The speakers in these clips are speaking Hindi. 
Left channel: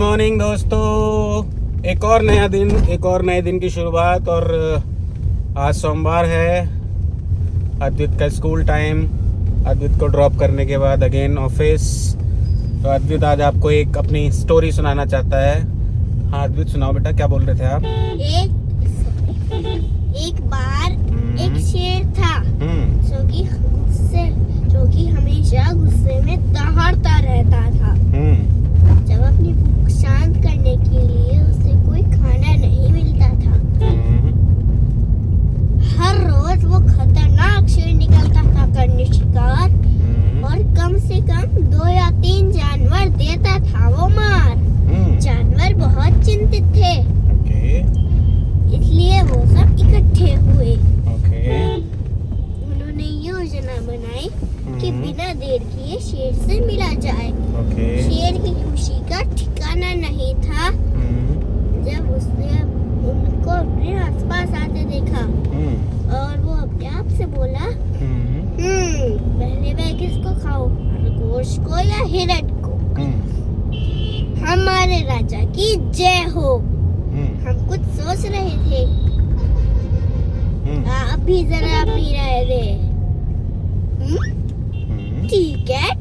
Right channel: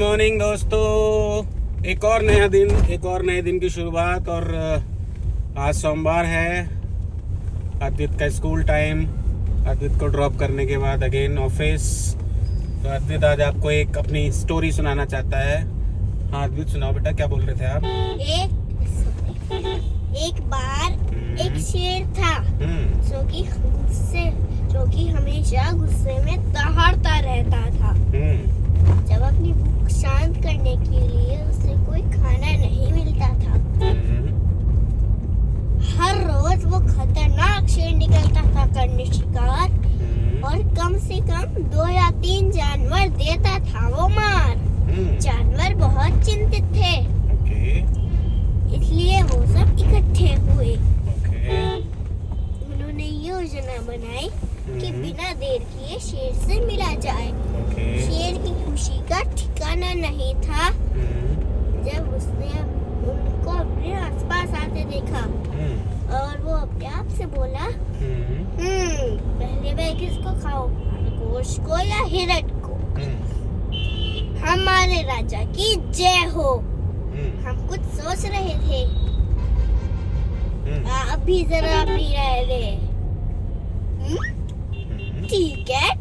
मॉर्निंग दोस्तों, एक और नया दिन, एक और नए दिन की शुरुआत। और आज सोमवार है, अद्वित का स्कूल टाइम। अद्वित को ड्रॉप करने के बाद अगेन ऑफिस। तो अद्वित आज आपको एक अपनी स्टोरी सुनाना चाहता है। हाँ अद्वित, सुनाओ बेटा, क्या बोल रहे थे आप? एक बार एक शेर था जो कि हमेशा गुस्से में दहाड़ता रहता था। जब अपनी भूख शांत करने के लिए उसे कोई खाना नहीं मिलता था, हर रोज वो खतरनाक शेर निकलता था करने शिकार, और कम से कम 2 या 3 जानवर देता था वो मार। जानवर बहुत चिंतित थे, इसलिए वो सब इकट्ठे हुए। उन्होंने योजना बनाई कि बिना देर किए शेर से मिला जाए। शेर की खुशी का ठिकाना नहीं था जब उसने उनको अपने आसपास आते देखा, और वो अपने आप से बोला, पहले मैं किसको खाऊं, खरगोश को या हिरण को? हमारे राजा की जय हो। हम कुछ सोच रहे थे, आप भी जरा अपनी राय दें।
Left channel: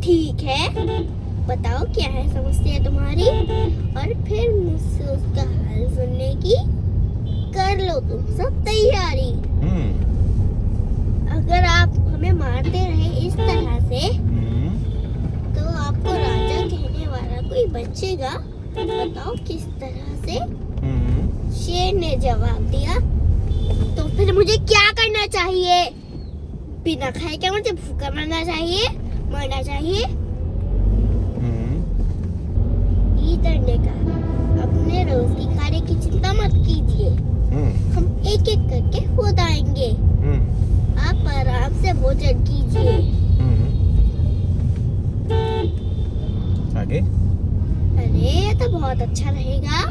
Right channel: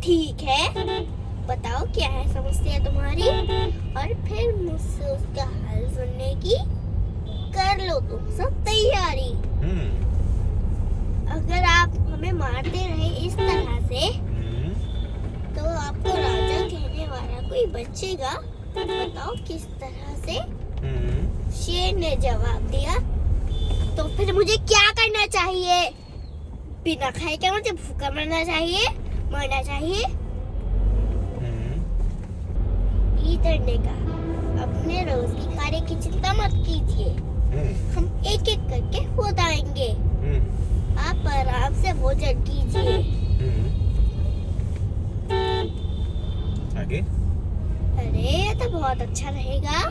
ठीक है, बताओ क्या है समस्या तुम्हारी, और फिर मुझसे उसका हल सुनने की कर लो तुम सब तैयारी। अगर आप हमें मारते रहे इस तरह से, तो आपको राजा कहने वाला कोई बचेगा? बताओ किस तरह से? शेर ने जवाब दिया, तो फिर मुझे क्या करना चाहिए? बिना खाए क्या मुझे भूखा मरना चाहिए? गीदड़ ने कहा, अपने रोज की कार्य की चिंता मत कीजिए, हम एक एक करके खुद आएंगे। आप आराम से भोजन कीजिए। आगे? अरे ये तो बहुत अच्छा रहेगा,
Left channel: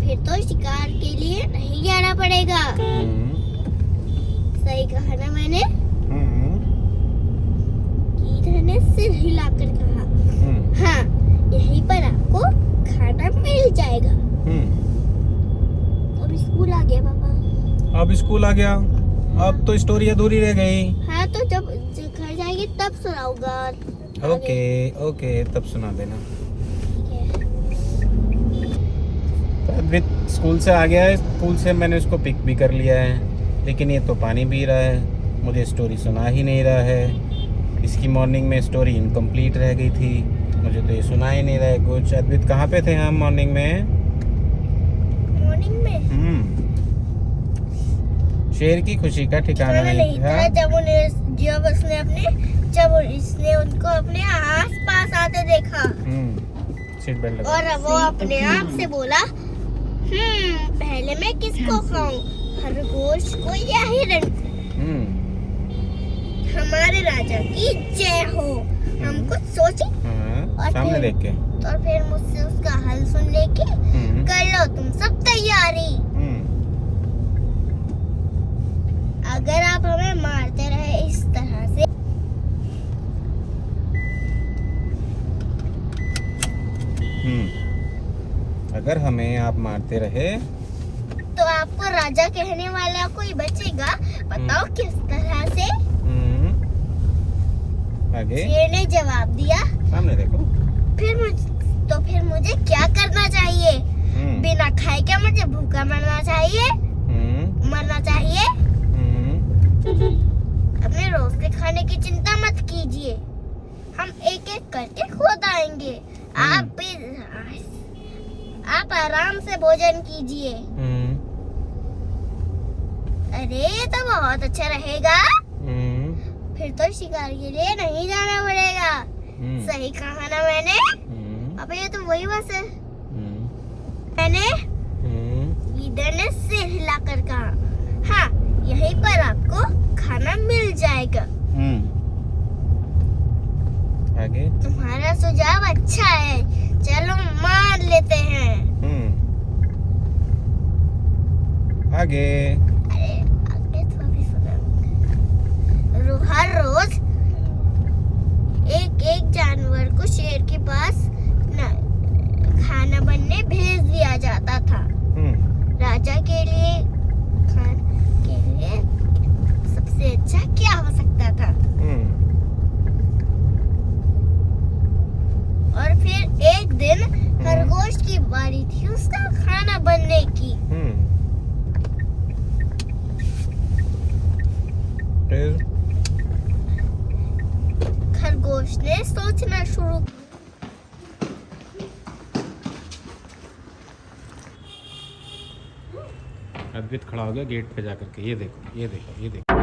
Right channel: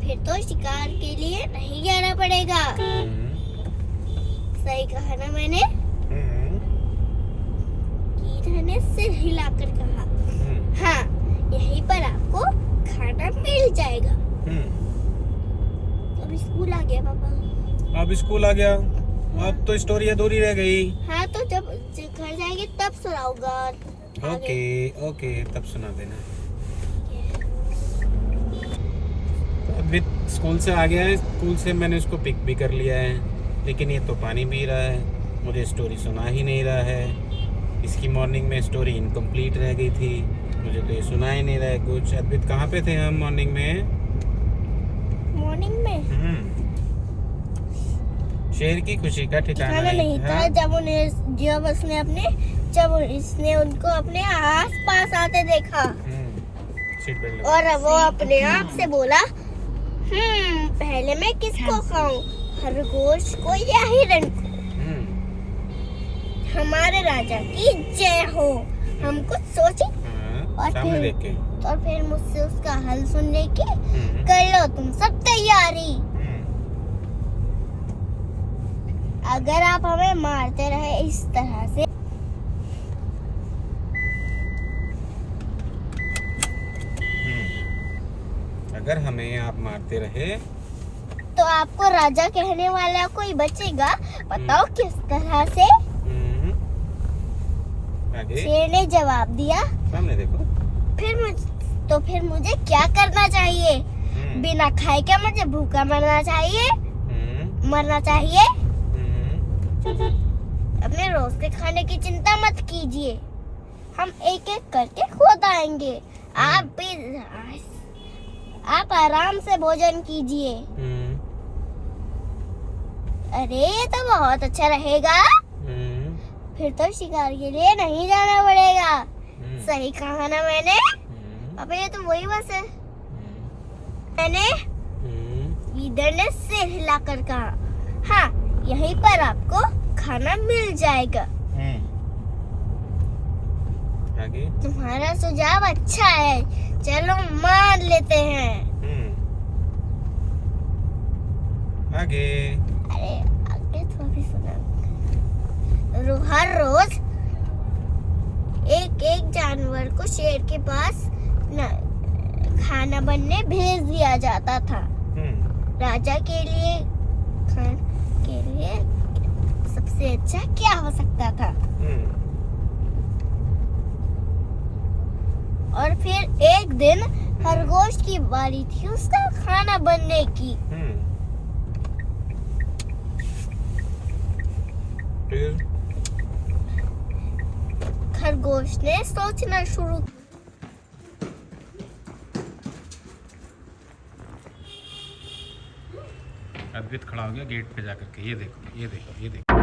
फिर तो शिकार के लिए नहीं जाना पड़ेगा। सही कहा ना मैंने? गीदड़ ने सिर हिलाकर कहा, हाँ, यहीं पर आपको खाना मिल जाएगा। अब स्कूल आ गया पापा। अब स्कूल आ गया? अब तो स्टोरी अधूरी रह गई। हाँ, तो जब घर जाएंगे तब सुनाऊंगा। ओके, तब सुना देना। अद्वित स्कूल से आ गया है। स्कूल से मैंने उसको पिक भी कर लिया है, लेकिन ये तो पानी पी रहा है, मुझे स्टोरी सुना ही नहीं रहा है। इसकी मॉर्निंग में स्टोरी इनकम्प्लीट रह गई थी, मुझे तो ये सुना ही नहीं रहा है कुछ। अद्वित, कहाँ पे थे हम मॉर्निंग में? शेर की खुशी का ठिकाना नहीं था जब इसने उनको अपने आस पास आते देखा। सीट बेल्ट लगा। और वो अपने आप से बोला, पहले मैं किसको खाऊं, खरगोश को या हिरण को? हमारे राजा की जय हो। हम कुछ सोचे और फिर मुझसे उसका हल सुनने की कर लो तुम सब तैयारी। अगर आप हमें मारते रहे इस तरह से, अगर हमें आप मारते रहे, तो आपको राजा कहने वाला कोई बचेगा? बताओ किस तरह से? आगे? शेर ने जवाब दिया, सामने देखो। फिर मुझे क्या करना चाहिए? बिना खाए क्या मुझे भूखा मरना चाहिए? अपने रोज के खाने की चिंता मत कीजिए, हम एक एक करके खुद आएंगे। आप आराम से भोजन कीजिए। अरे ये तो बहुत अच्छा रहेगा, फिर तो शिकार के लिए नहीं जाना पड़ेगा। सही कहा ना मैंने? अबे ये तो वही बस है। मैंने गीदड़ ने सिर हिलाकर कहा, हाँ, यहीं पर आपको खाना मिल जाएगा। आगे? तुम्हारा सुझाव अच्छा है, चलो मान लेते हैं। आगे? अरे आगे थोड़ी सुना। हर रोज एक जानवर को शेर के पास खाना खाना बनने भेज दिया जाता था। राजा के लिए सबसे अच्छा क्या हो सकता था? और फिर एक दिन खरगोश की बारी थी उसका खाना बनने की। फिर खरगोश ने सोचना शुरू। अद्वैत खड़ा हो गया गेट पे जाकर के, ये देखो ये देखो ये देखो।